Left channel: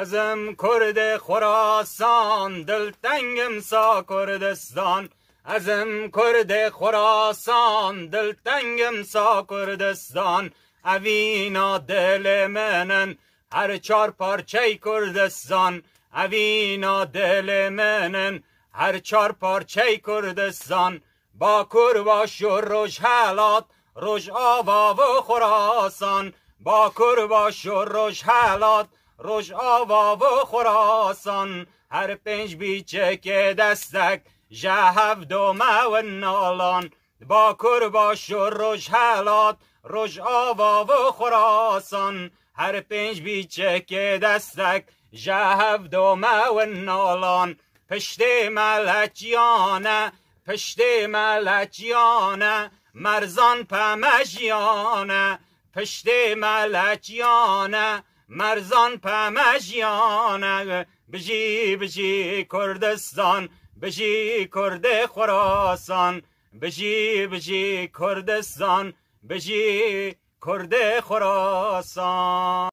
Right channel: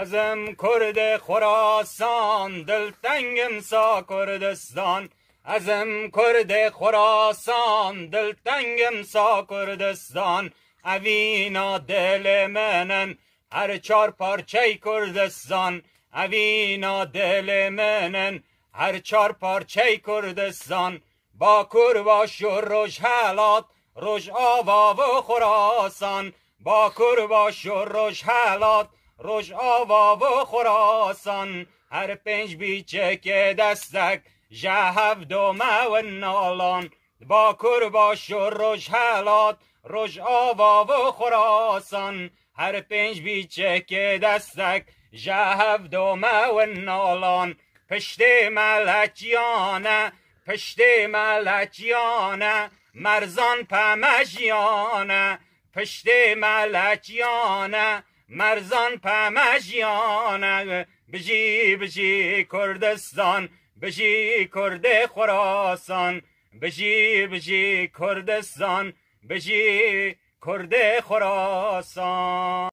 ازم کرد خراسان دلتنگم سا کردستان ازم کرد خراسان دلتنگم سا کردستان اوینا دل منن هر چار پارچه کردستان اوینا دل منن هر چار پارچه کردستان با کرباش و روش حالات روش آوا و خراسان با کرباش و روش حالات روش آوا و خراسان هر پنج بیچه که دستک جهف دومه و نالان با کرباش و روش حالات روش آوا و خراسان هر پنج بیچه که دستک جهف دومه و نالان پشت ملکیانه پشت ملکیانه مرزان پمشیانه پشت ملکیانه مرزان پمشیانه بجی بجی کردستان بجی کرد خراسان بجی بجی کردستان بجی کرد خراسان